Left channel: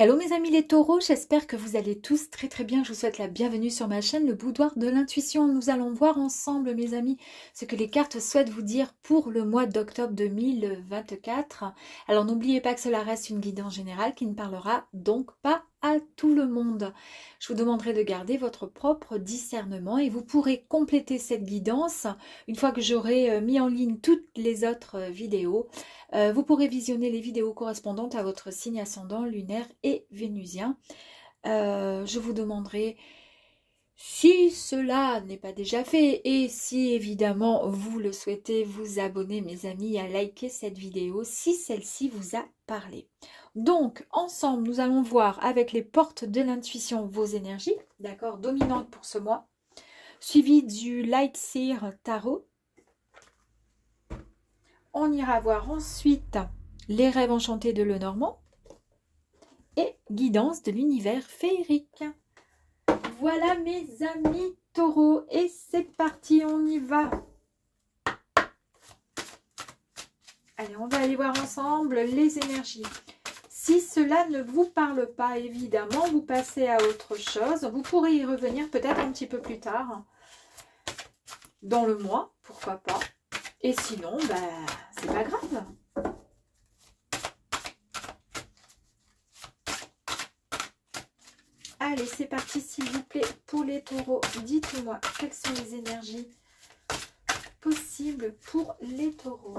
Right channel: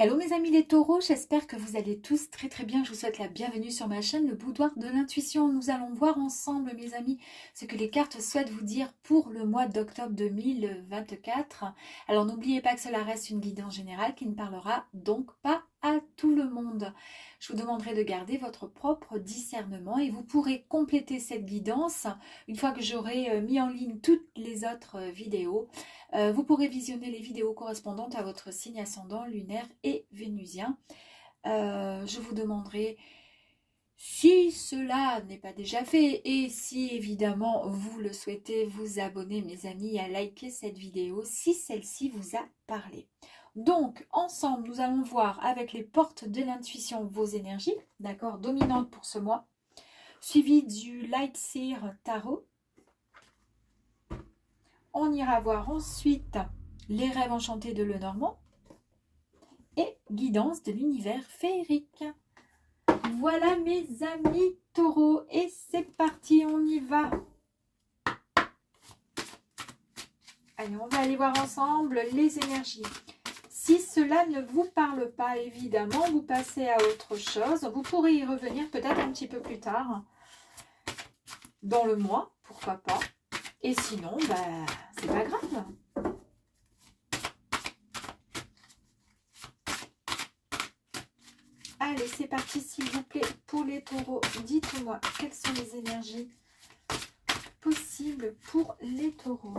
Hello mes amis les taureaux, j'espère que vous allez tous très bien. Je vous souhaite la bienvenue sur ma chaîne, le boudoir de l'intuition. Nous allons voir ensemble mes amis ce que les cartes souhaitent vous dire pour le mois d'octobre 2024. Alors n'oubliez pas que cela reste une guidance générale qui ne parlera donc pas à tout le monde. Je vous demanderai de garder votre propre discernement et vous pourrez compléter cette guidance une fois que j'aurai mis en ligne toutes les autres vidéos. Vous pourrez visionner les vidéos correspondantes à votre signe ascendant, lunaire et vénusien. Je vous demanderai, si cela n'est pas déjà fait et si évidemment vous le souhaitez, vous abonner mes amis, à liker cette vidéo si celle-ci vous a parlé. Donc ensemble nous allons voir avec les portes de l'intuition vos énergies, d'accord, dominantes pour ce mois, suivi du Light Seer Tarot. On ira voir ensuite les rêves enchantés de Lenormand et guidance de l'univers féerique. Voilà mes amis taureaux et c'est parti, on y va. Allez, on va aller voir ensemble les énergies. Si cela ne vous parle pas, évidemment, vous passez à autre chose. Vous pourrez y revenir peut-être un petit peu plus tard dans le mois, pourquoi pas. Et sinon, c'est pas grave. Allez, c'est parti, s'il vous plaît, pour les taureaux. Dites-moi, quelles sont les énergies possibles pour les taureaux?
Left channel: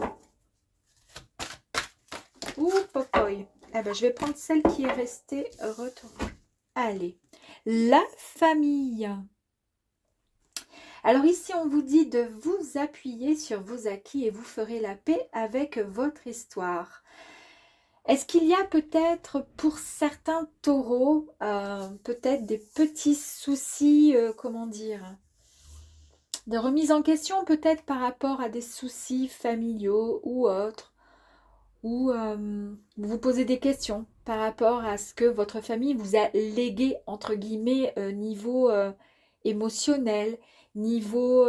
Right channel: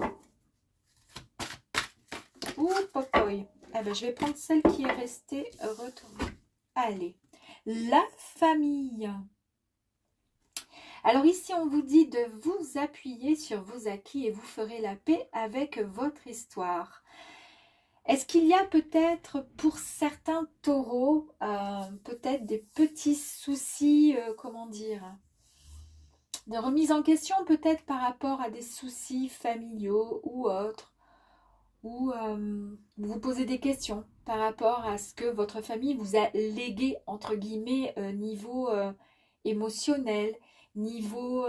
Ouh, popoy. Eh ben, je vais prendre celle qui est restée retournée. Allez, la famille. Alors ici, on vous dit de vous appuyer sur vos acquis et vous ferez la paix avec votre histoire. Est-ce qu'il y a peut-être pour certains taureaux, peut-être des petits soucis, comment dire, de remise en question peut-être par rapport à des soucis familiaux ou autres, ou vous vous posez des questions par rapport à ce que votre famille vous a légué, entre guillemets, niveau émotionnel, niveau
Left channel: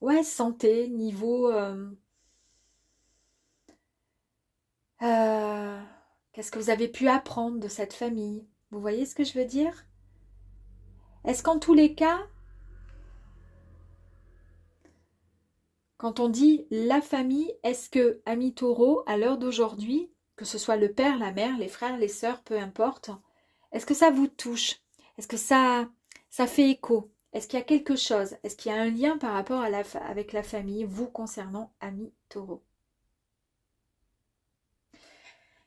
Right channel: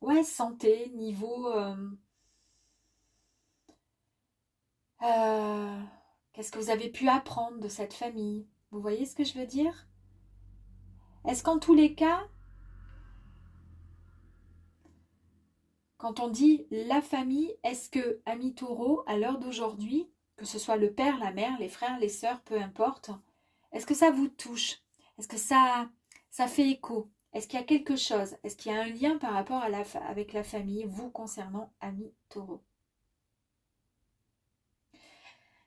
ouais, santé, niveau qu'est-ce que vous avez pu apprendre de cette famille? Vous voyez ce que je veux dire? Est-ce qu'en tous les cas, quand on dit la famille, est-ce que, amis taureaux, à l'heure d'aujourd'hui, que ce soit le père, la mère, les frères, les sœurs, peu importe, est-ce que ça vous touche? Est-ce que ça fait écho? Est-ce qu'il y a quelque chose? Est-ce qu'il y a un lien par rapport à avec la famille, vous concernant, amis taureaux?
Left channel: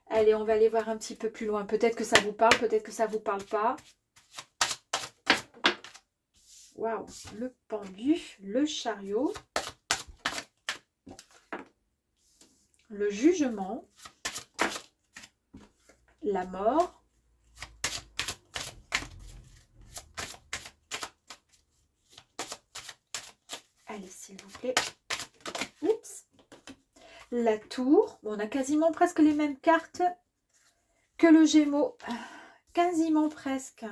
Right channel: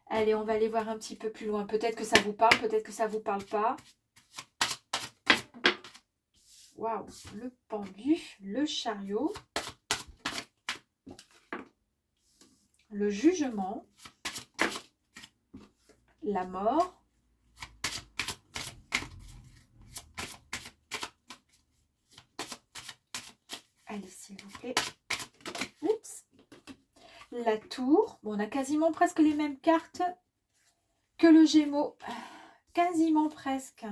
Allez, on va aller voir un petit peu plus loin. Peut-être que ça vous parle, peut-être que ça ne vous parle pas. Waouh, le pendu, le chariot, le jugement, la mort, allez, s'il vous plaît. Oups. La tour. Bon, on a quasiment presque les mêmes cartes que le Gémeaux. Quasiment presque.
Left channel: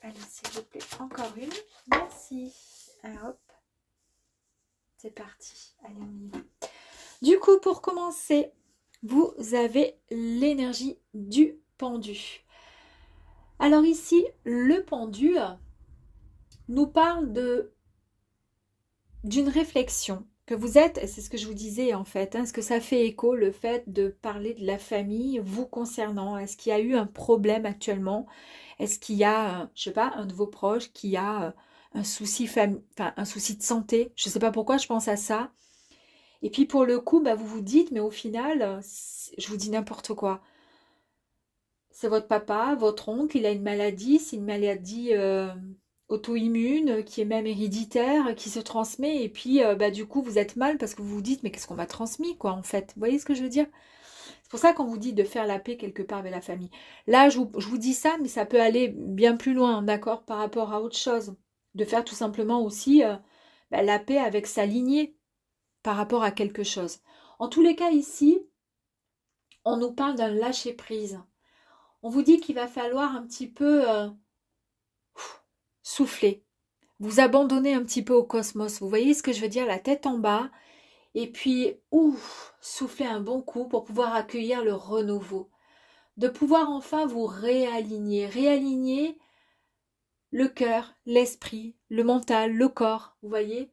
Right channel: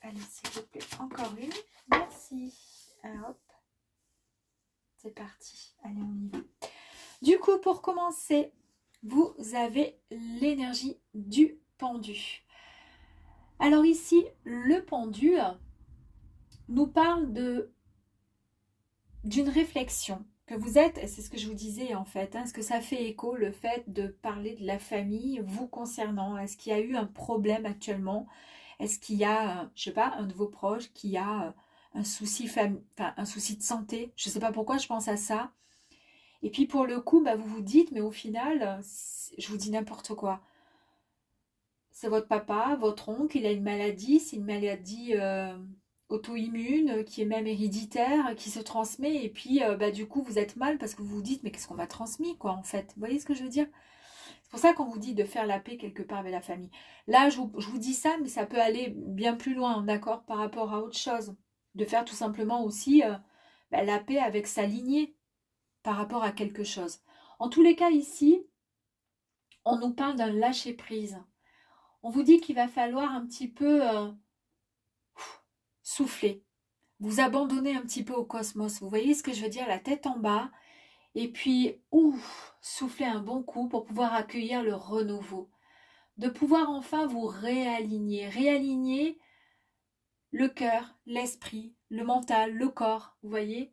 Allez, s'il vous plaît, encore une. Merci. Hop. C'est parti. Allez, on y va. Du coup, pour commencer, vous avez l'énergie du pendu. Alors ici, le pendu nous parle d'une réflexion que vous êtes, et c'est ce que je vous disais en fait, est-ce que ça fait écho le fait de parler de la famille vous concernant? Est-ce qu'il y a eu un problème actuellement? Est-ce qu'il y a, je sais pas, un de vos proches qui a un souci, un souci de santé? Je ne sais pas pourquoi je pense à ça. Et puis pour le coup, vous vous dites, mais au final, je vous dis n'importe quoi. C'est votre papa, votre oncle, il a une maladie, c'est une maladie auto-immune, qui est même héréditaire, qui se transmet, et puis du coup vous êtes mal parce que vous vous dites, mais qu'est-ce qu'on m'a transmis quoi en fait? Vous voyez ce que je veux dire? C'est pour ça qu'on vous dit de faire la paix quelque part avec la famille. Là, je vous dis ça, mais ça peut aller bien plus loin, d'accord, par rapport à autre chose. De faire tout simplement aussi la paix avec sa lignée par rapport à quelque chose. En tous les cas, ici, on nous parle d'un lâcher-prise. On vous dit qu'il va falloir un petit peu souffler, vous abandonner un petit peu au cosmos. Vous voyez ce que je veux dire? La tête en bas Et puis, ouf, soufflez un bon coup pour pouvoir accueillir le renouveau. De pouvoir enfin vous réaligner. Réaligner le cœur, l'esprit, le mental, le corps, vous voyez.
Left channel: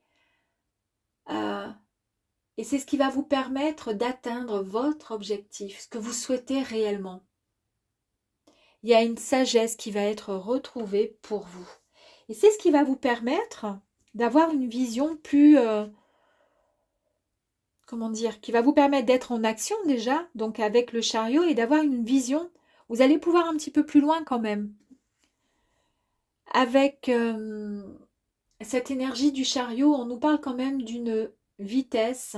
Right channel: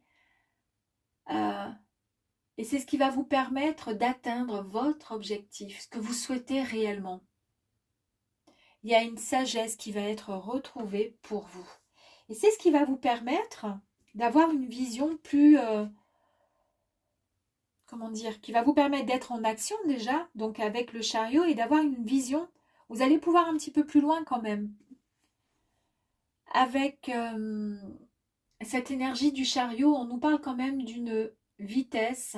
Et c'est ce qui va vous permettre d'atteindre votre objectif, ce que vous souhaitez réellement. Il y a une sagesse qui va être retrouvée pour vous. Et c'est ce qui va vous permettre d'avoir une vision plus... comment dire, qui va vous permettre d'être en action déjà, donc avec le chariot, et d'avoir une vision. Vous allez pouvoir un petit peu plus loin quand même. Avec cette énergie du chariot, on nous parle quand même d'une vitesse,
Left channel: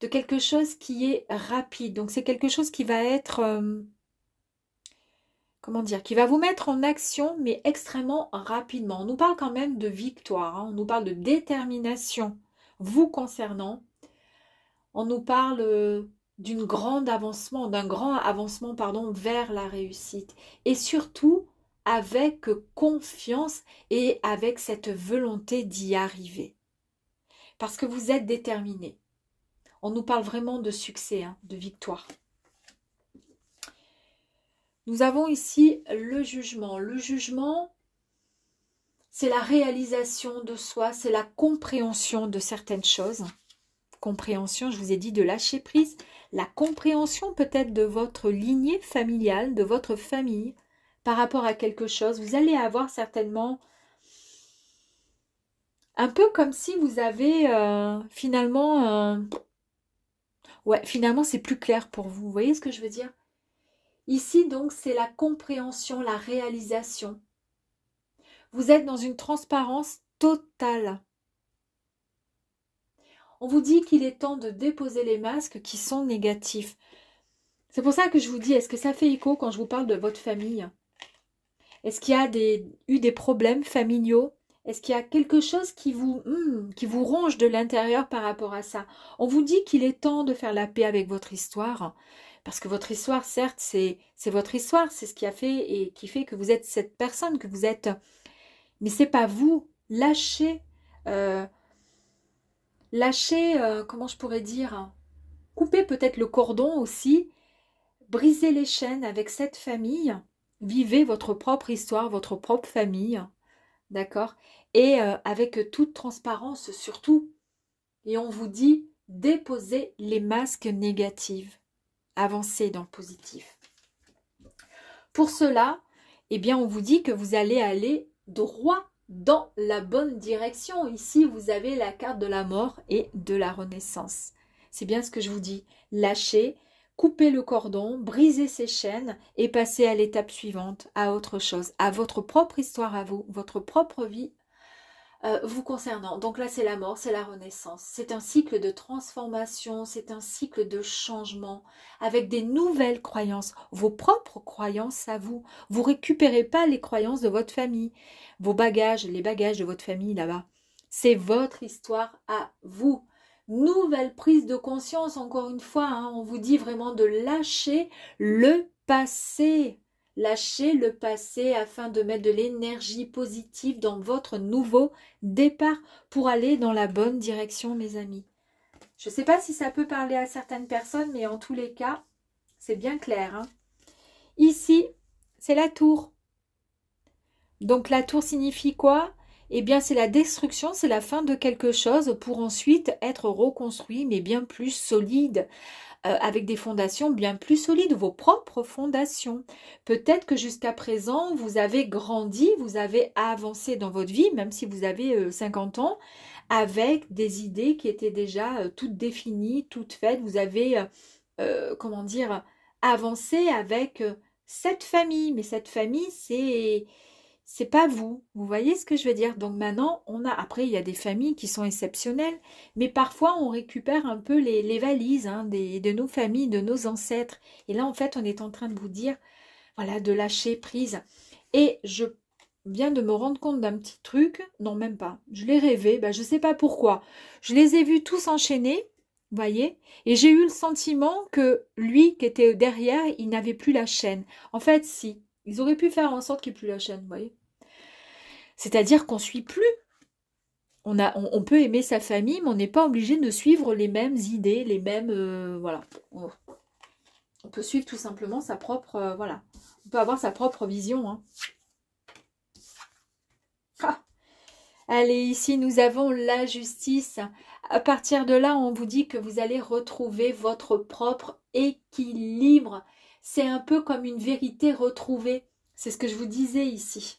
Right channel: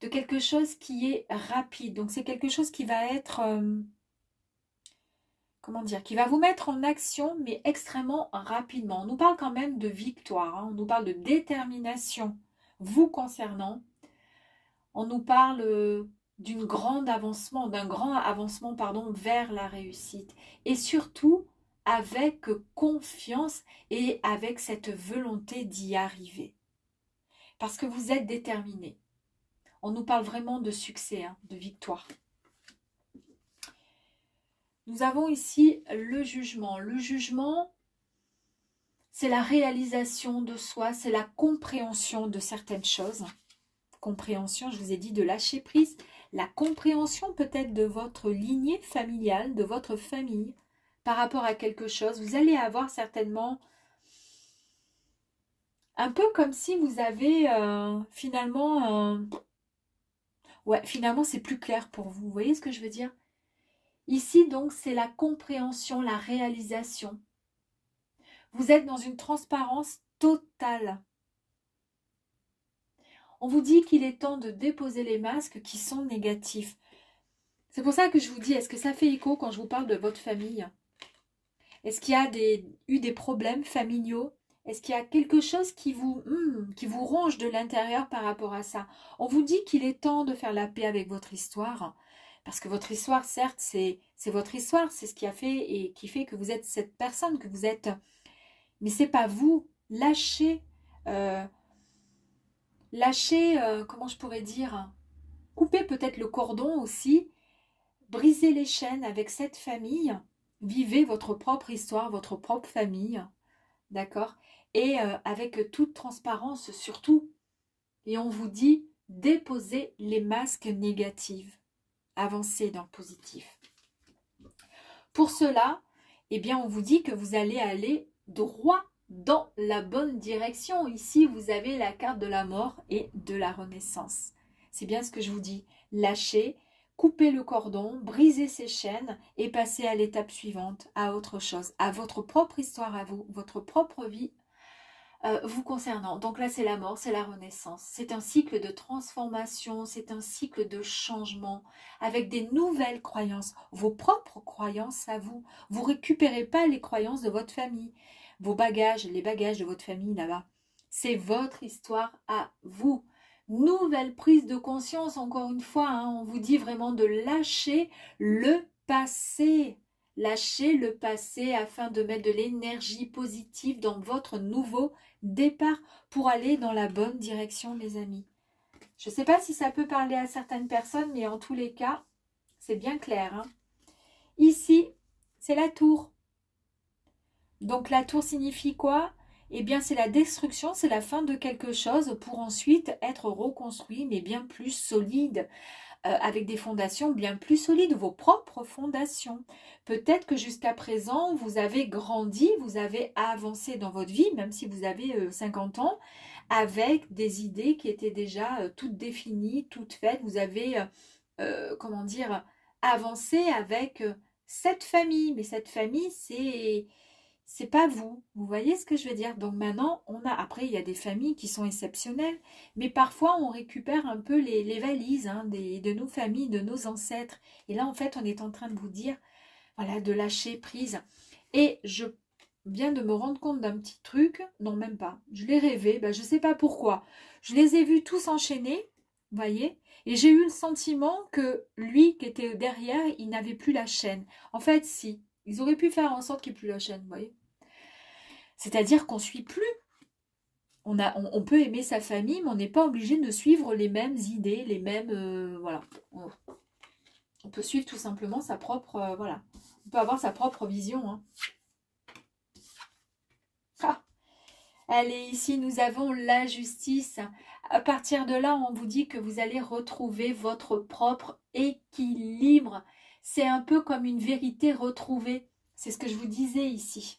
de quelque chose qui est rapide. Donc c'est quelque chose qui va être, comment dire, qui va vous mettre en action, mais extrêmement rapidement. On nous parle quand même de victoire, hein, on nous parle de détermination vous concernant. On nous parle d'un grand avancement, pardon, vers la réussite. Et surtout, avec confiance et avec cette volonté d'y arriver. Parce que vous êtes déterminé. On nous parle vraiment de succès, hein, de victoire. Nous avons ici le jugement. Le jugement, c'est la réalisation de soi, c'est la compréhension de certaines choses. Compréhension, je vous ai dit de lâcher prise. La compréhension peut-être de votre lignée familiale, de votre famille, par rapport à quelque chose. Vous allez avoir certainement un peu comme si vous avez finalement... ouais, finalement c'est plus clair pour vous. Vous voyez ce que je veux dire? Ici donc c'est la compréhension, la réalisation. Vous êtes dans une transparence totale. On vous dit qu'il est temps de déposer les masques qui sont négatifs. C'est pour ça que je vous dis, est-ce que ça fait écho quand je vous parle de votre famille? Est-ce qu'il y a eu des problèmes familiaux? Est-ce qu'il y a quelque chose qui vous ronge de l'intérieur par rapport à ça? On vous dit qu'il est temps de faire la paix avec votre histoire. Parce que votre histoire, certes, c'est votre histoire. C'est ce qui a fait et qui fait que vous êtes cette personne que vous êtes. Mais c'est pas vous. Lâchez, comment je pourrais dire? Coupez peut-être le cordon aussi. Brisez les chaînes avec cette famille. Vivez votre propre histoire, votre propre famille. D'accord? Et avec toute transparence surtout. Et on vous dit, déposez les masques négatifs. Avancez dans le positif. Pour cela, eh bien, on vous dit que vous allez aller droit dans la bonne direction. Ici, vous avez la carte de la mort et de la renaissance. C'est bien ce que je vous dis. Lâchez, coupez le cordon, brisez ces chaînes et passez à l'étape suivante, à autre chose, à votre propre histoire à vous, votre propre vie vous concernant. Donc là, c'est la mort, c'est la renaissance. C'est un cycle de transformation, c'est un cycle de changement avec des nouvelles croyances, vos propres croyances à vous. Vous ne récupérez pas les croyances de votre famille, vos bagages, les bagages de votre famille là-bas. C'est votre histoire à vous. Nouvelle prise de conscience, encore une fois, hein, on vous dit vraiment de lâcher le passé. Lâchez le passé afin de mettre de l'énergie positive dans votre nouveau départ pour aller dans la bonne direction, mes amis. Je ne sais pas si ça peut parler à certaines personnes, mais en tous les cas, c'est bien clair. Hein. Ici, c'est la tour. Donc la tour signifie quoi? Eh bien, c'est la destruction, c'est la fin de quelque chose pour ensuite être reconstruit, mais bien plus solide. Avec des fondations bien plus solides, vos propres fondations. Peut-être que jusqu'à présent, vous avez grandi, vous avez avancé dans votre vie, même si vous avez 50 ans, avec des idées qui étaient déjà toutes définies, toutes faites. Vous avez, comment dire, avancé avec cette famille. Mais cette famille, c'est pas vous. Vous voyez ce que je veux dire? Donc maintenant, après, il y a des familles qui sont exceptionnelles, mais parfois, on récupère un peu les valises hein, de nos familles, de nos ancêtres. Et là, en fait, on est en train de vous dire, voilà, de lâcher prise. Et je viens de me rendre compte d'un petit truc. Non, même pas. Je l'ai rêvé. Ben, je ne sais pas pourquoi. Je les ai vus tous enchaînés, vous voyez? Et j'ai eu le sentiment que lui, qui était derrière, il n'avait plus la chaîne. En fait, si. Ils auraient pu faire en sorte qu'il n'y ait plus la chaîne, vous voyez? C'est-à-dire qu'on ne suit plus. On peut aimer sa famille, mais on n'est pas obligé de suivre les mêmes idées, les mêmes... voilà. On peut suivre tout simplement sa propre... voilà. On peut avoir sa propre vision. Hein. Ah. Allez, ici, nous avons la justice. À partir de là, on vous dit que vous allez retrouver votre propre équilibre. C'est un peu comme une vérité retrouvée. C'est ce que je vous disais ici.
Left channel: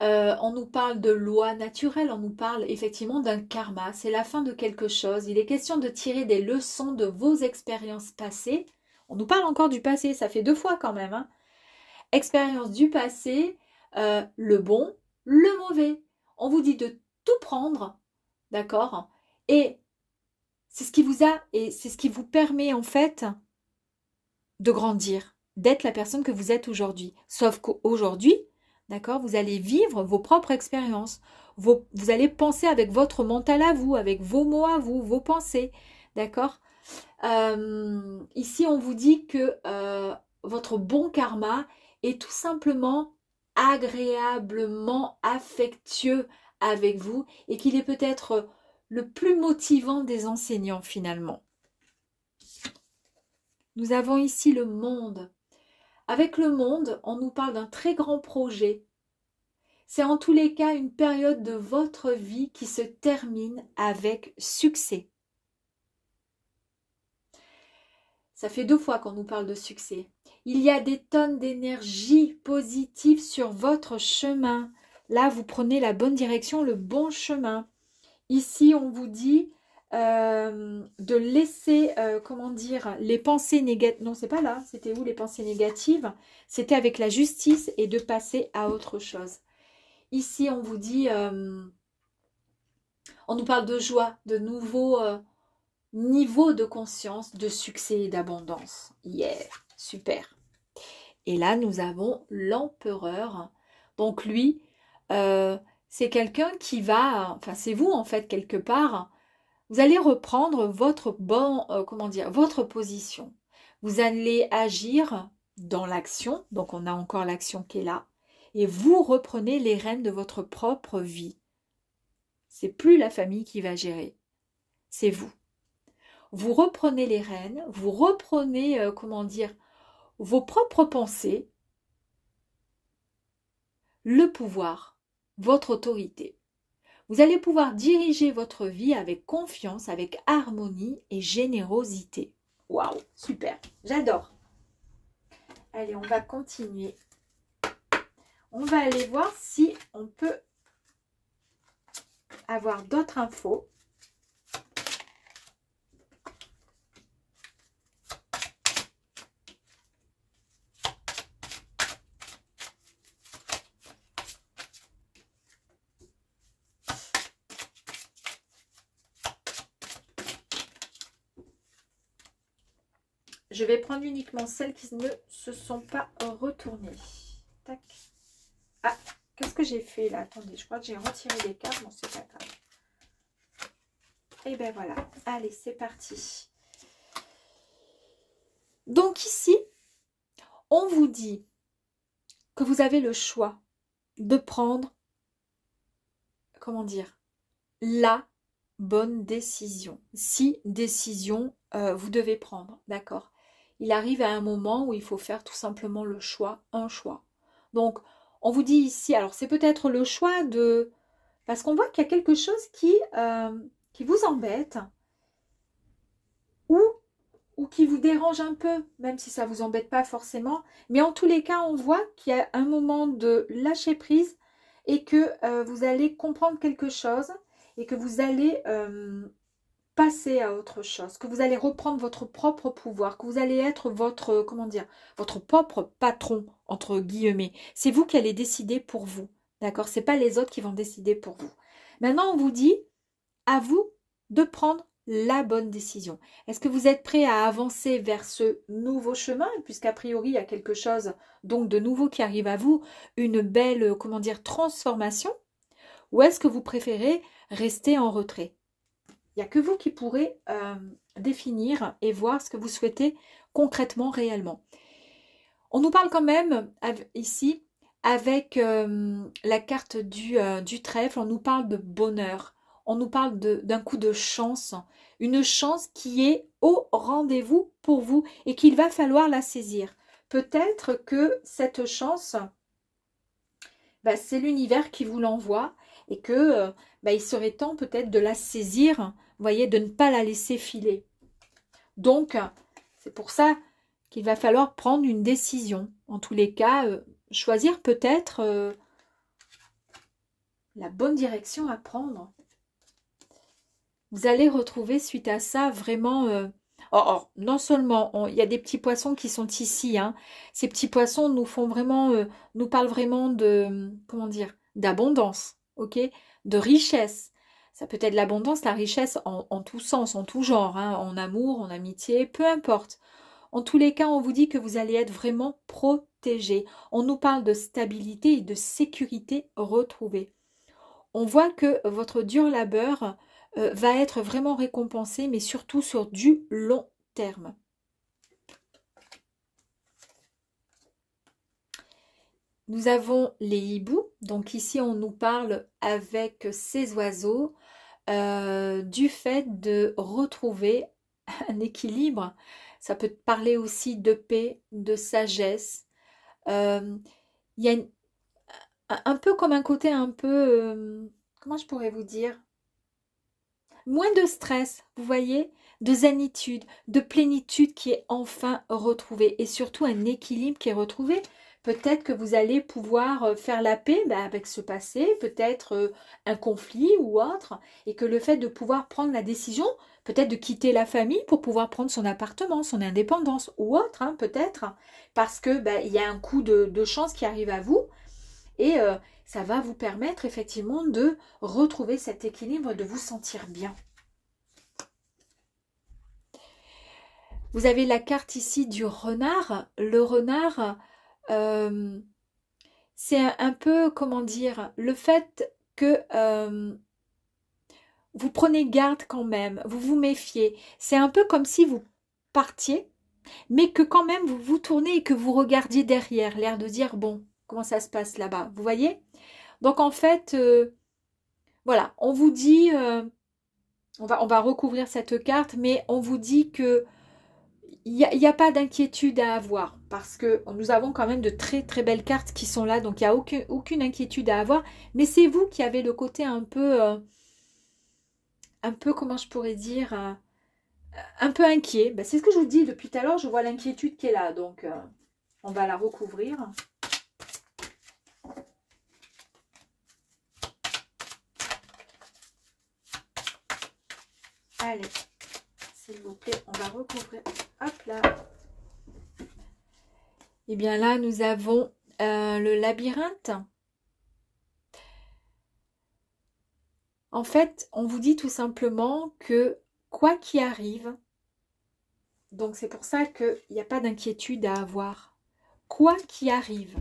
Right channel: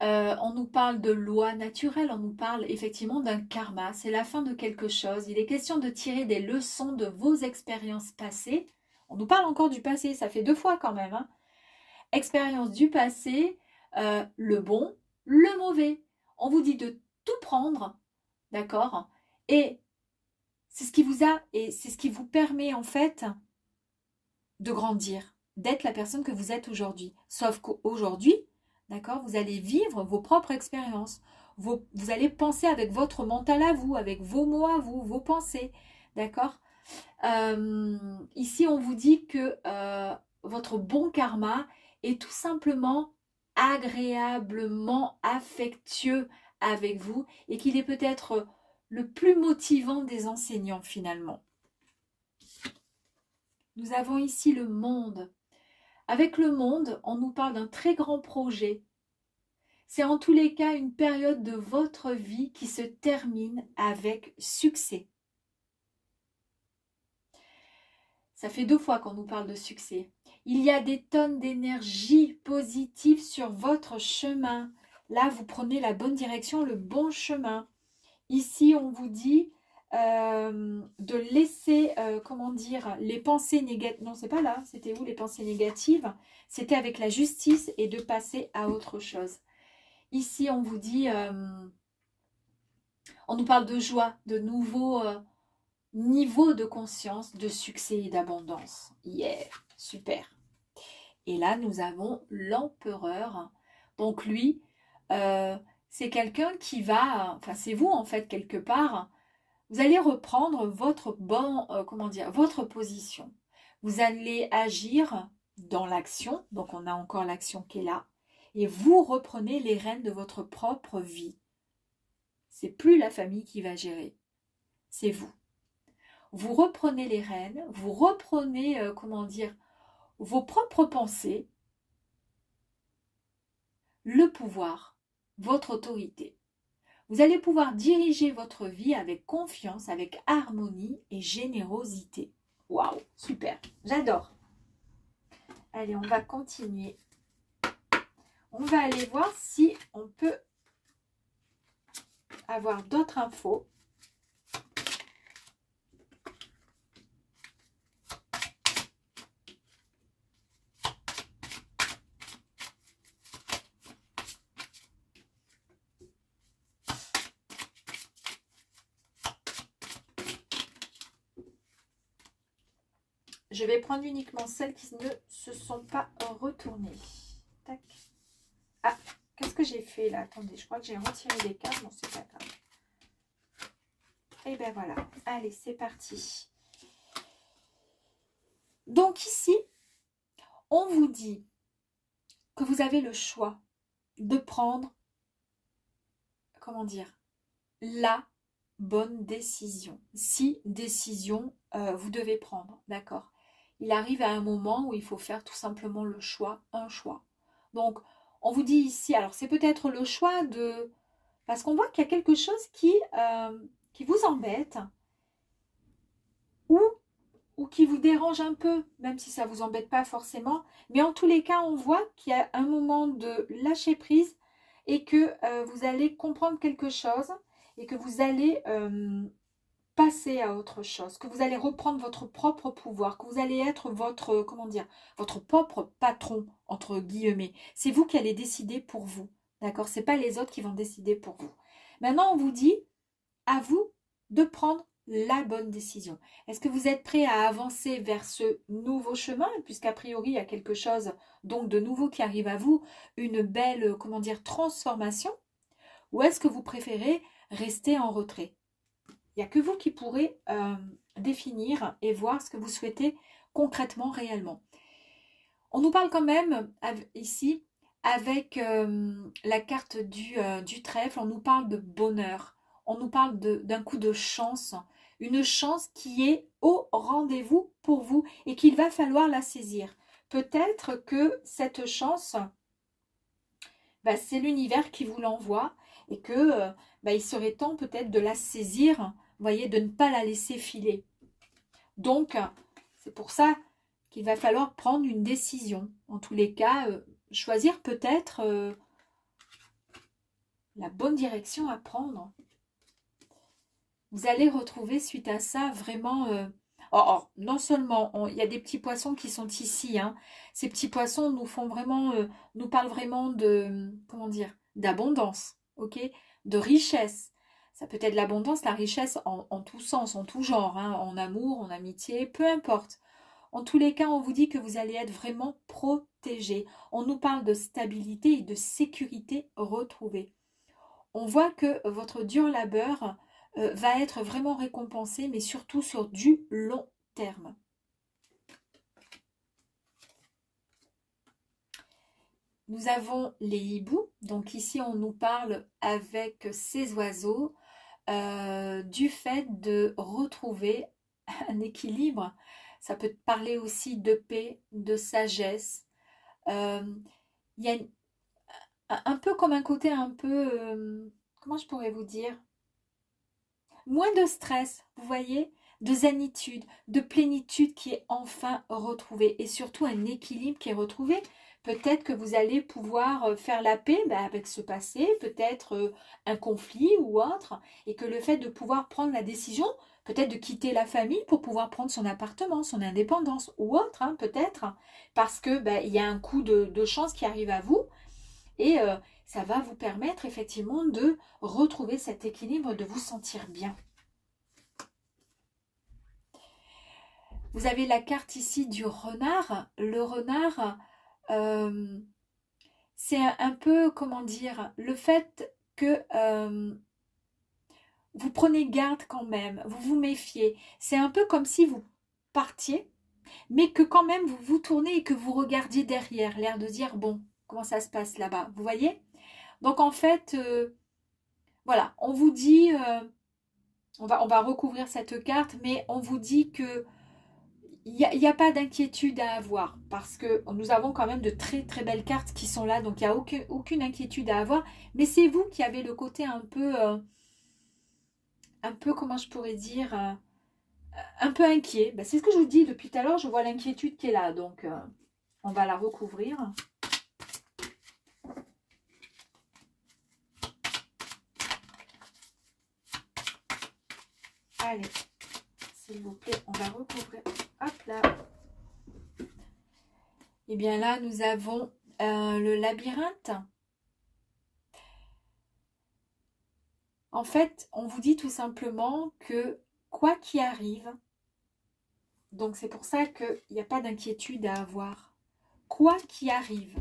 On nous parle de loi naturelle, on nous parle effectivement d'un karma. C'est la fin de quelque chose. Il est question de tirer des leçons de vos expériences passées. On nous parle encore du passé, ça fait 2 fois quand même. Hein. Expérience du passé, le bon, le mauvais. On vous dit de tout prendre, d'accord? Et c'est ce qui vous a, et c'est ce qui vous permet en fait de grandir, d'être la personne que vous êtes aujourd'hui. Sauf qu'aujourd'hui, d'accord, vous allez vivre vos propres expériences. Vous allez penser avec votre mental à vous, avec vos mots à vous, vos pensées, d'accord? Ici, on vous dit que votre bon karma est tout simplement agréablement affectueux avec vous et qu'il est peut-être le plus motivant des enseignants finalement. Nous avons ici le monde. Avec le monde, on nous parle d'un très grand projet. C'est en tous les cas une période de votre vie qui se termine avec succès. Ça fait 2 fois qu'on nous parle de succès. Il y a des tonnes d'énergie positive sur votre chemin. Là, vous prenez la bonne direction, le bon chemin. Ici, on vous dit de laisser, comment dire, les pensées négatives. Non, c'est pas là. C'était où les pensées négatives? C'était avec la justice et de passer à autre chose. Ici, on vous dit, on nous parle de joie, de nouveaux niveaux de conscience, de succès et d'abondance. Yeah, super. Et là, nous avons l'empereur. Donc lui, c'est quelqu'un qui va, enfin c'est vous en fait quelque part, vous allez reprendre votre votre position. Vous allez agir dans l'action, donc on a encore l'action qui est là, et vous reprenez les rênes de votre propre vie. C'est plus la famille qui va gérer, c'est vous. Vous reprenez les rênes, vous reprenez, vos propres pensées, le pouvoir, votre autorité. Vous allez pouvoir diriger votre vie avec confiance, avec harmonie et générosité. Waouh, super, j'adore. Allez, on va continuer. On va aller voir si on peut avoir d'autres infos. Je vais prendre uniquement celles qui ne se sont pas retournées. Tac. Ah, qu'est-ce que j'ai fait là? Attendez, je crois que j'ai retiré les cartes. Bon, c'est pas grave. Et bien voilà. Allez, c'est parti. Donc ici, on vous dit que vous avez le choix de prendre, comment dire, la bonne décision. Si décision vous devez prendre, d'accord? Il arrive à un moment où il faut faire tout simplement le choix, un choix. Donc, on vous dit ici, alors c'est peut-être le choix de... Parce qu'on voit qu'il y a quelque chose qui vous embête ou qui vous dérange un peu, même si ça ne vous embête pas forcément. Mais en tous les cas, on voit qu'il y a un moment de lâcher prise et que vous allez comprendre quelque chose et que vous allez... passer à autre chose, que vous allez reprendre votre propre pouvoir, que vous allez être votre, votre propre patron, entre guillemets. C'est vous qui allez décider pour vous, d'accord? C'est pas les autres qui vont décider pour vous. Maintenant, on vous dit, à vous de prendre la bonne décision. Est-ce que vous êtes prêt à avancer vers ce nouveau chemin, puisqu'a priori, il y a quelque chose donc de nouveau qui arrive à vous, une belle, transformation, ou est-ce que vous préférez rester en retrait? Il n'y a que vous qui pourrez définir et voir ce que vous souhaitez concrètement, réellement. On nous parle quand même ici avec la carte du trèfle, on nous parle de bonheur, on nous parle d'un coup de chance, une chance qui est au rendez-vous pour vous et qu'il va falloir la saisir. Peut-être que cette chance, bah, c'est l'univers qui vous l'envoie et que bah, il serait temps peut-être de la saisir, vous voyez, de ne pas la laisser filer. Donc, c'est pour ça qu'il va falloir prendre une décision. En tous les cas, choisir peut-être la bonne direction à prendre. Vous allez retrouver suite à ça vraiment... non seulement, il y a des petits poissons qui sont ici. Hein. Ces petits poissons nous font vraiment... nous parlent vraiment de... Comment dire? D'abondance, ok? De richesse. Ça peut être l'abondance, la richesse en tout sens, en tout genre. Hein, en amour, en amitié, peu importe. En tous les cas, on vous dit que vous allez être vraiment protégé. On nous parle de stabilité et de sécurité retrouvée. On voit que votre dur labeur va être vraiment récompensé, mais surtout sur du long terme. Nous avons les hiboux. Donc ici, on nous parle avec ces oiseaux du fait de retrouver un équilibre. Ça peut parler aussi de paix, de sagesse. Il y a un peu comme un côté un peu... comment je pourrais vous dire? Moins de stress, vous voyez, de zénitude, de plénitude qui est enfin retrouvée et surtout un équilibre qui est retrouvé. Peut-être que vous allez pouvoir faire la paix avec ce passé, peut-être un conflit ou autre, et que le fait de pouvoir prendre la décision, peut-être de quitter la famille pour pouvoir prendre son appartement, son indépendance ou autre, hein, peut-être, parce que il y a un coup de chance qui arrive à vous et ça va vous permettre effectivement de retrouver cet équilibre, de vous sentir bien. Vous avez la carte ici du renard. Le renard, c'est un peu, comment dire, le fait que vous prenez garde quand même, vous vous méfiez. C'est un peu comme si vous partiez, mais que quand même vous vous tournez et que vous regardiez derrière, l'air de dire, bon, comment ça se passe là-bas, vous voyez? Donc en fait, voilà, on vous dit, on va recouvrir cette carte, mais on vous dit que il n'y a pas d'inquiétude à avoir parce que nous avons quand même de très très belles cartes qui sont là, donc il n'y a aucune inquiétude à avoir, mais c'est vous qui avez le côté un peu, comment je pourrais dire, un peu inquiet. Ben, c'est ce que je vous dis depuis tout à l'heure, je vois l'inquiétude qui est là, donc on va la recouvrir. Allez, s'il vous plaît, on va recouvrir. Hop là. Et bien là, nous avons le labyrinthe. En fait, on vous dit tout simplement que quoi qu'il arrive, donc c'est pour ça qu'il n'y a pas d'inquiétude à avoir. Quoi qu'il arrive,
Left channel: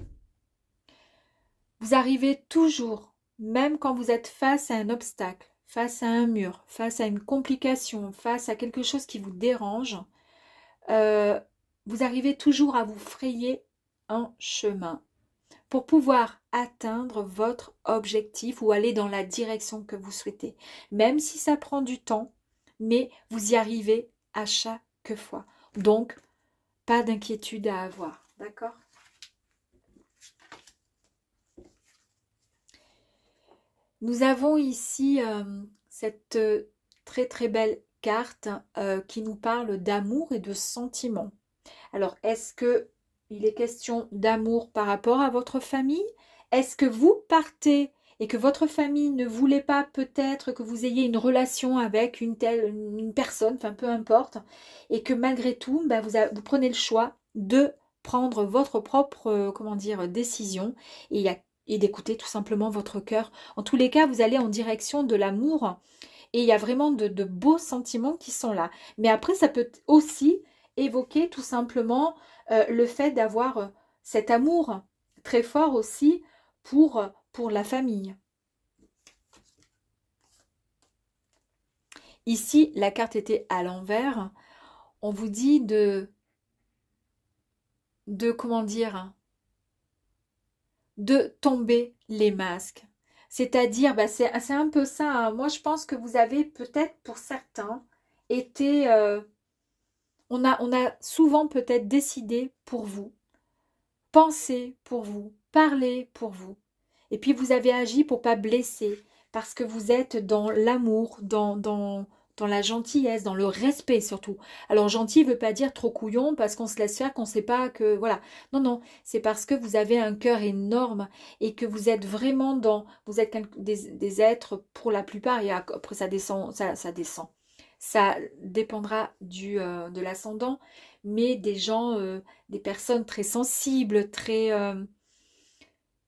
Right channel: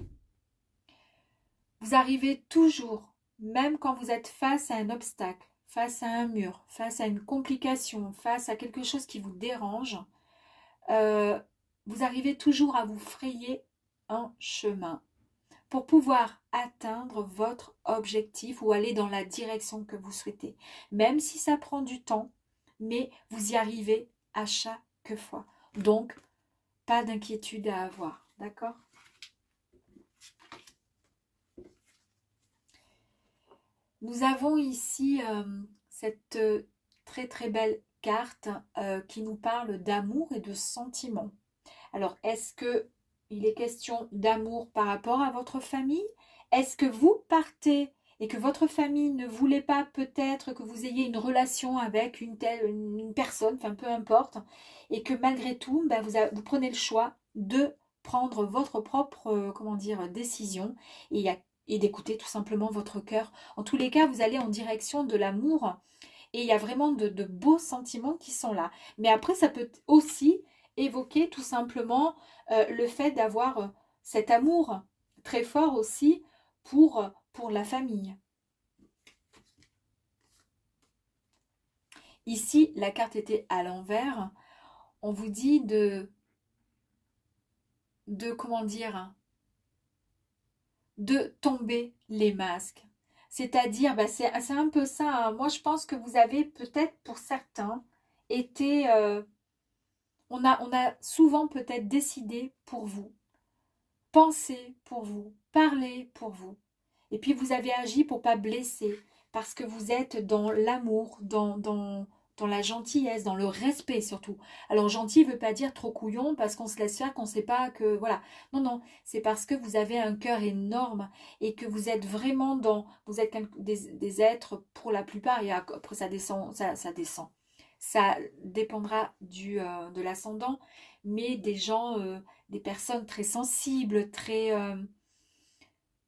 vous arrivez toujours, même quand vous êtes face à un obstacle, face à un mur, face à une complication, face à quelque chose qui vous dérange, vous arrivez toujours à vous frayer un chemin pour pouvoir atteindre votre objectif ou aller dans la direction que vous souhaitez. Même si ça prend du temps, mais vous y arrivez à chaque fois. Donc, pas d'inquiétude à avoir, d'accord? Nous avons ici cette très très belle carte qui nous parle d'amour et de sentiments. Alors, est-ce que il est question d'amour par rapport à votre famille? Est-ce que vous partez et que votre famille ne voulait pas peut-être que vous ayez une relation avec une personne, enfin peu importe, et que malgré tout, vous prenez le choix de prendre votre propre, comment dire, décision et d'écouter tout simplement votre cœur. En tous les cas, vous allez en direction de l'amour et il y a vraiment de beaux sentiments qui sont là. Mais après, ça peut aussi évoquer tout simplement le fait d'avoir cet amour très fort aussi pour la famille. Ici, la carte était à l'envers. On vous dit comment dire, de tomber les masques. C'est-à-dire, bah, c'est un peu ça, hein. Moi, je pense que vous avez peut-être, pour certains, été... on a souvent peut-être décidé pour vous, pensé pour vous, parlé pour vous. Et puis, vous avez agi pour pas blesser, parce que vous êtes dans l'amour, dans la gentillesse, dans le respect surtout. Alors, gentil ne veut pas dire trop couillon, parce qu'on se laisse faire, qu'on ne sait pas que... Voilà. Non, non, c'est parce que vous avez un cœur énorme et que vous êtes vraiment dans... Vous êtes des êtres, pour la plupart, et après ça descend, ça descend. Ça dépendra de l'ascendant, mais des gens, des personnes très sensibles,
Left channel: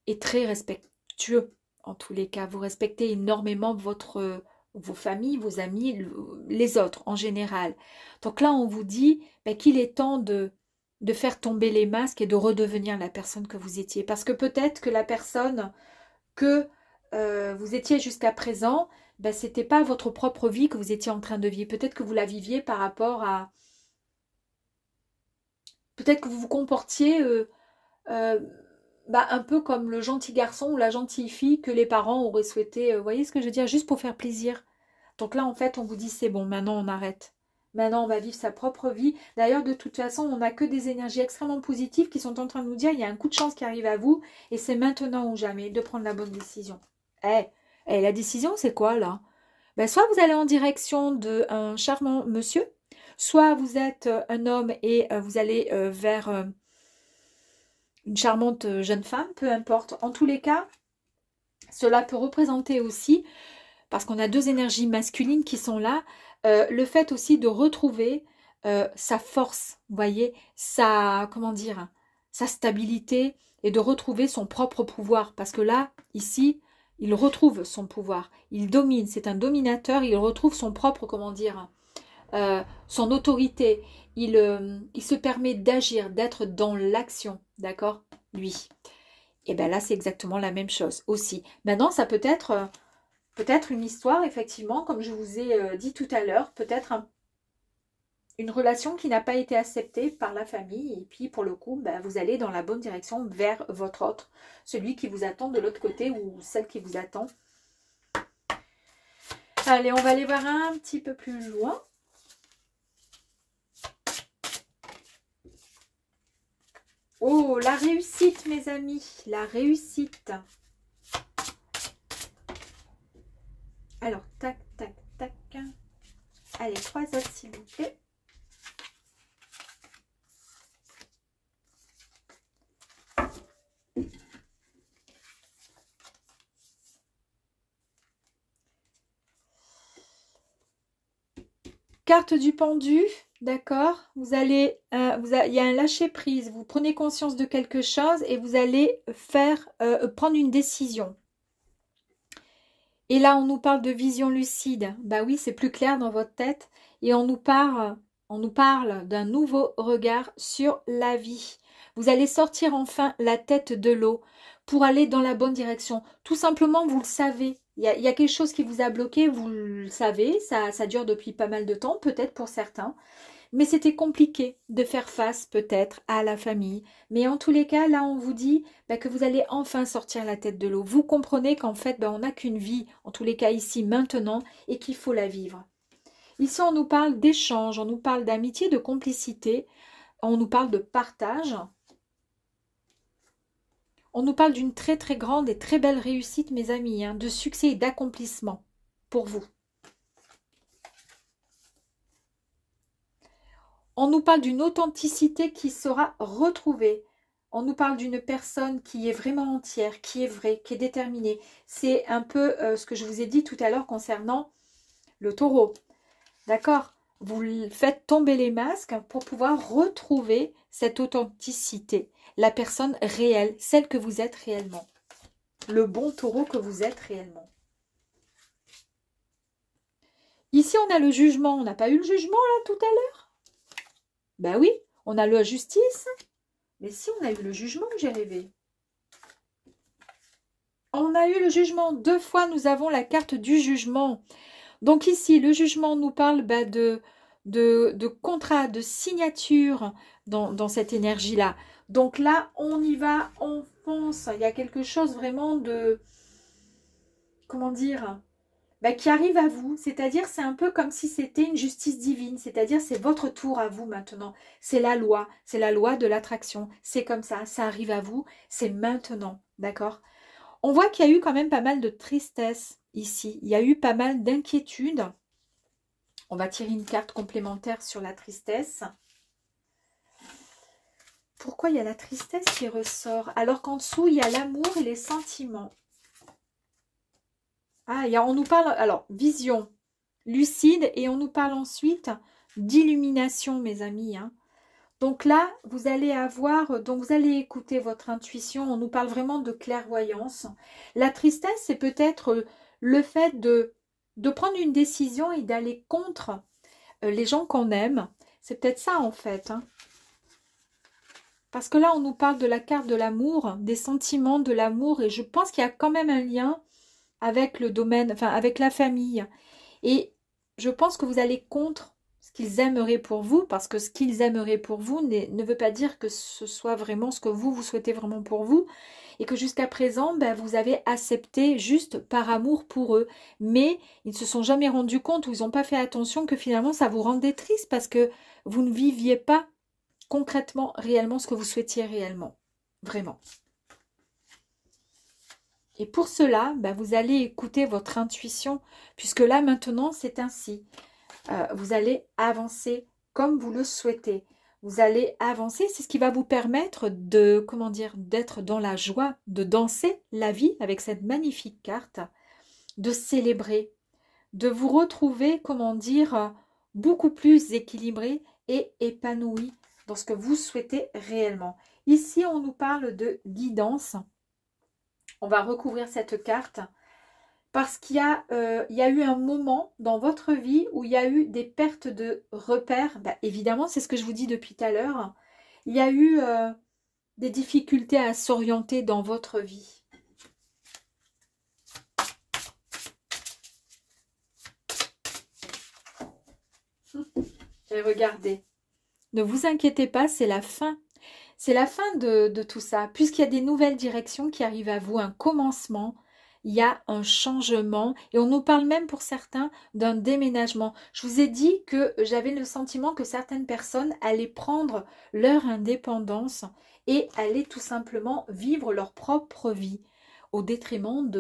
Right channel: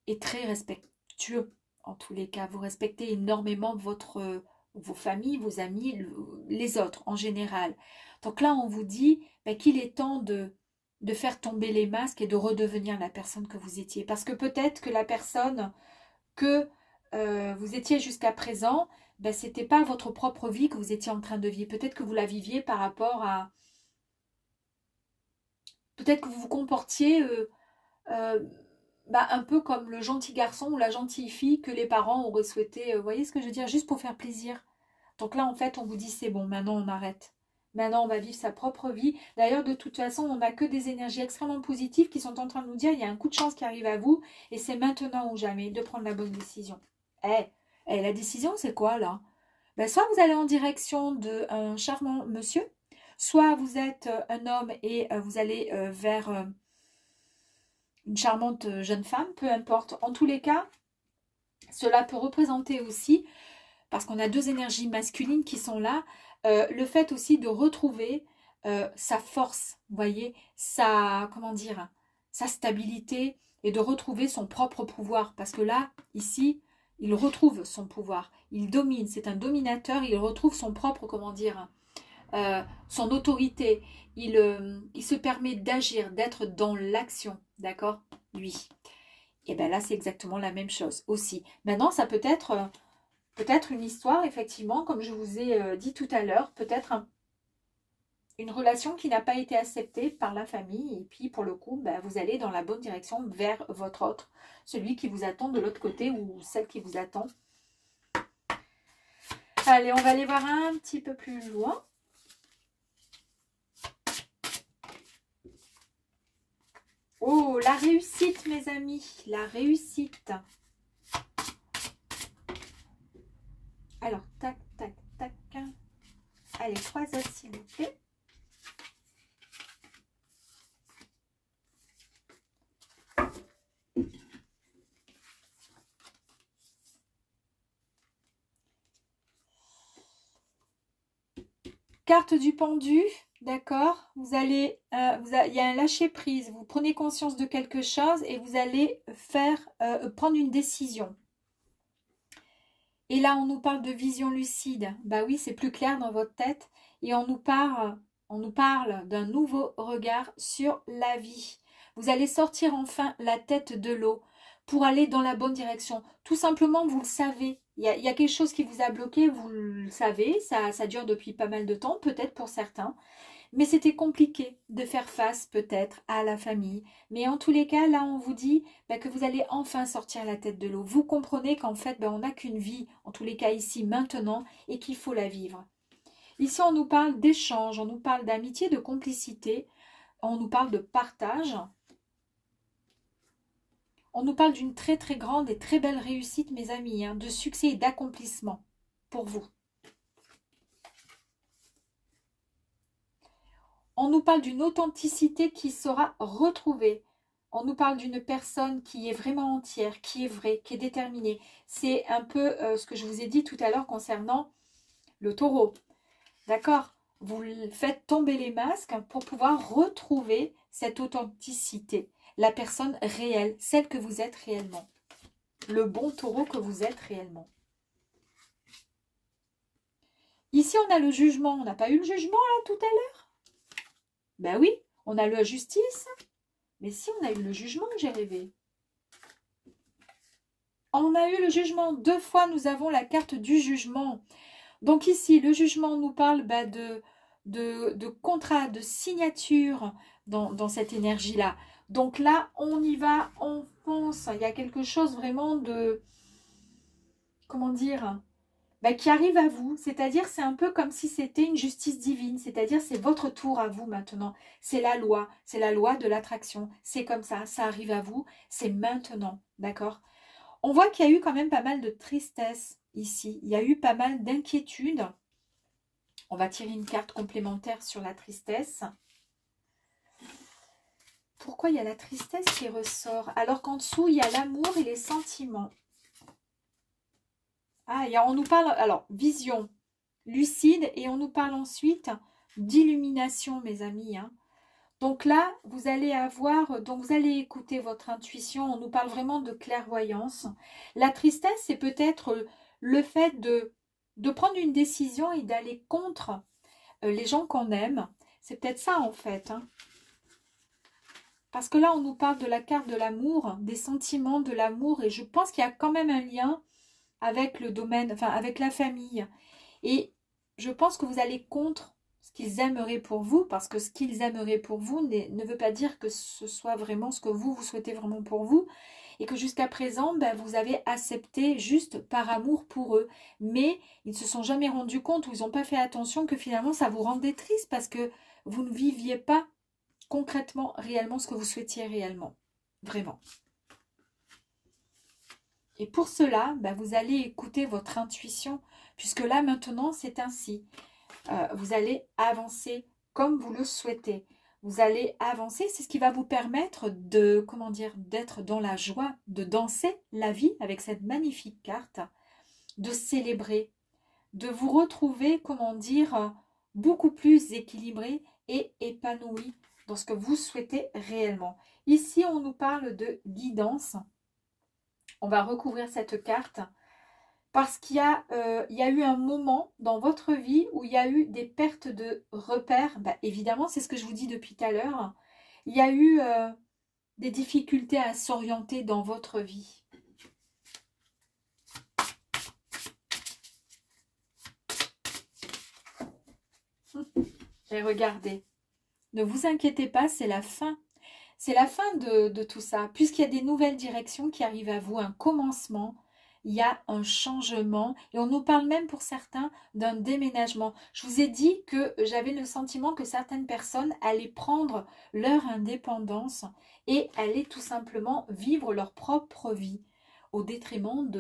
et très respectueux. En tous les cas, vous respectez énormément vos familles, vos amis, les autres en général. Donc là, on vous dit qu'il est temps de faire tomber les masques et de redevenir la personne que vous étiez. Parce que peut-être que la personne que vous étiez jusqu'à présent, c'était pas votre propre vie que vous étiez en train de vivre. Peut-être que vous la viviez par rapport à... Peut-être que vous vous comportiez euh, un peu comme le gentil garçon ou la gentille fille que les parents auraient souhaité, vous voyez ce que je veux dire, juste pour faire plaisir. Donc là, en fait, on vous dit, c'est bon, maintenant on arrête. Maintenant, on va vivre sa propre vie. D'ailleurs, de toute façon, on n'a que des énergies extrêmement positives qui sont en train de nous dire, il y a un coup de chance qui arrive à vous, et c'est maintenant ou jamais de prendre la bonne décision. La décision, c'est quoi, là? Soit vous allez en direction d'un charmant monsieur, soit vous êtes un homme et vous allez vers... une charmante jeune femme, peu importe. En tous les cas, cela peut représenter aussi, parce qu'on a deux énergies masculines qui sont là, le fait aussi de retrouver sa force, vous voyez, comment dire, sa stabilité et de retrouver son propre pouvoir. Parce que là, ici, il retrouve son pouvoir. Il domine, c'est un dominateur, il retrouve son propre, comment dire, son autorité. Il se permet d'agir, d'être dans l'action, d'accord, lui. Et bien là, c'est exactement la même chose aussi. Maintenant, ça peut être une histoire, effectivement, comme je vous ai dit tout à l'heure, peut-être une relation qui n'a pas été acceptée par la famille. Et puis, pour le coup, vous allez dans la bonne direction vers votre autre, celui qui vous attend de l'autre côté ou celle qui vous attend. Allez, on va aller voir un petit peu plus loin. Oh, la réussite, mes amis, la réussite. Alors, tac, tac, tac. Allez, 3 autres, s'il vous plaît. Carte du pendu. D'accord, vous allez, il y a un lâcher prise, vous prenez conscience de quelque chose et vous allez prendre une décision. Et là, on nous parle de vision lucide. Bah oui, c'est plus clair dans votre tête. Et on nous parle d'un nouveau regard sur la vie. Vous allez sortir enfin la tête de l'eau pour aller dans la bonne direction. Tout simplement, vous le savez. Il y a quelque chose qui vous a bloqué, vous le savez. Ça dure depuis pas mal de temps, peut-être pour certains. Mais c'était compliqué de faire face peut-être à la famille. Mais en tous les cas, là, on vous dit que vous allez enfin sortir la tête de l'eau. Vous comprenez qu'en fait, on n'a qu'une vie, en tous les cas ici, maintenant, et qu'il faut la vivre. Ici, on nous parle d'échange, on nous parle d'amitié, de complicité, on nous parle de partage. On nous parle d'une très très grande et très belle réussite, mes amis, hein, de succès et d'accomplissement pour vous. On nous parle d'une authenticité qui sera retrouvée. On nous parle d'une personne qui est vraiment entière, qui est vraie, qui est déterminée. C'est un peu ce que je vous ai dit tout à l'heure concernant le taureau. D'accord? Vous faites tomber les masques pour pouvoir retrouver cette authenticité. La personne réelle, celle que vous êtes réellement. Le bon taureau que vous êtes réellement. Ici, on a le jugement. On n'a pas eu le jugement là tout à l'heure? Ben oui, on a la justice, mais si on a eu le jugement, j'ai rêvé. On a eu le jugement, 2 fois nous avons la carte du jugement. Donc ici, le jugement nous parle de contrat, de signature dans cette énergie-là. Donc là, on y va, on fonce. Il y a quelque chose vraiment de, comment dire, bah, qui arrive à vous. C'est-à-dire, c'est un peu comme si c'était une justice divine. C'est-à-dire, c'est votre tour à vous maintenant. C'est la loi. C'est la loi de l'attraction. C'est comme ça arrive à vous. C'est maintenant. D'accord? On voit qu'il y a eu quand même pas mal de tristesse ici. Il y a eu pas mal d'inquiétude. On va tirer une carte complémentaire sur la tristesse. Pourquoi il y a la tristesse qui ressort alors qu'en dessous, il y a l'amour et les sentiments? Ah, on nous parle, alors, vision lucide, et on nous parle ensuite d'illumination, mes amis. Hein. Donc là, vous allez avoir, donc vous allez écouter votre intuition. On nous parle vraiment de clairvoyance. La tristesse, c'est peut-être le fait de prendre une décision et d'aller contre les gens qu'on aime. C'est peut-être ça, en fait. Hein. Parce que là, on nous parle de la carte de l'amour, des sentiments de l'amour, et je pense qu'il y a quand même un lien avec le domaine, enfin avec la famille. Et je pense que vous allez contre ce qu'ils aimeraient pour vous, parce que ce qu'ils aimeraient pour vous ne veut pas dire que ce soit vraiment ce que vous souhaitez vraiment pour vous, et que jusqu'à présent, ben, vous avez accepté juste par amour pour eux. Mais ils ne se sont jamais rendus compte, ou ils n'ont pas fait attention que finalement ça vous rendait triste, parce que vous ne viviez pas concrètement, réellement, ce que vous souhaitiez réellement. Vraiment. Et pour cela, ben, vous allez écouter votre intuition, puisque là, maintenant, c'est ainsi. Vous allez avancer comme vous le souhaitez. Vous allez avancer, c'est ce qui va vous permettre de, comment dire, d'être dans la joie, de danser la vie avec cette magnifique carte, de célébrer, de vous retrouver, comment dire, beaucoup plus équilibré et épanoui dans ce que vous souhaitez réellement. Ici, on nous parle de guidance. On va recouvrir cette carte parce qu'il y a eu un moment dans votre vie où il y a eu des pertes de repères. Bah, évidemment, c'est ce que je vous dis depuis tout à l'heure. Il y a eu des difficultés à s'orienter dans votre vie. Et regardez, ne vous inquiétez pas, c'est la fin. C'est la fin de tout ça, puisqu'il y a des nouvelles directions qui arrivent à vous, un commencement, il y a un changement, et on nous parle même pour certains d'un déménagement. Je vous ai dit que j'avais le sentiment que certaines personnes allaient prendre leur indépendance et allaient tout simplement vivre leur propre vie, au détriment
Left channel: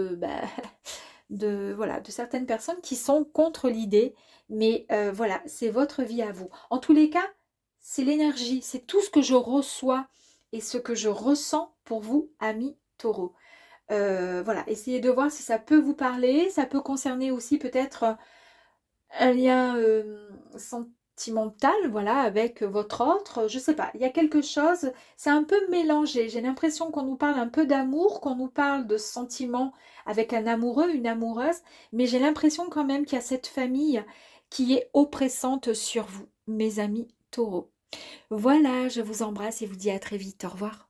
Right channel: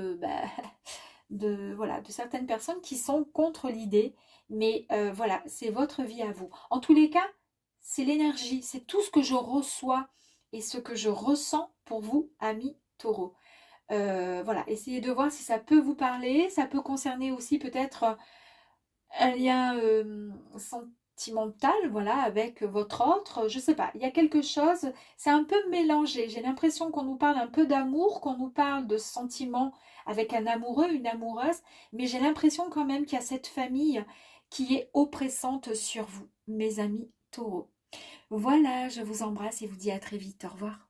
voilà, de certaines personnes qui sont contre l'idée, mais voilà, c'est votre vie à vous. En tous les cas, c'est l'énergie, c'est tout ce que je reçois et ce que je ressens pour vous, amis taureaux. Voilà, essayez de voir si ça peut vous parler. Ça peut concerner aussi peut-être un lien sentimental, voilà, avec votre autre. Je sais pas, il y a quelque chose, c'est un peu mélangé. J'ai l'impression qu'on nous parle un peu d'amour, qu'on nous parle de sentiments avec un amoureux, une amoureuse. Mais j'ai l'impression quand même qu'il y a cette famille qui est oppressante sur vous, mes amis taureaux. Voilà, je vous embrasse et vous dis à très vite. Au revoir.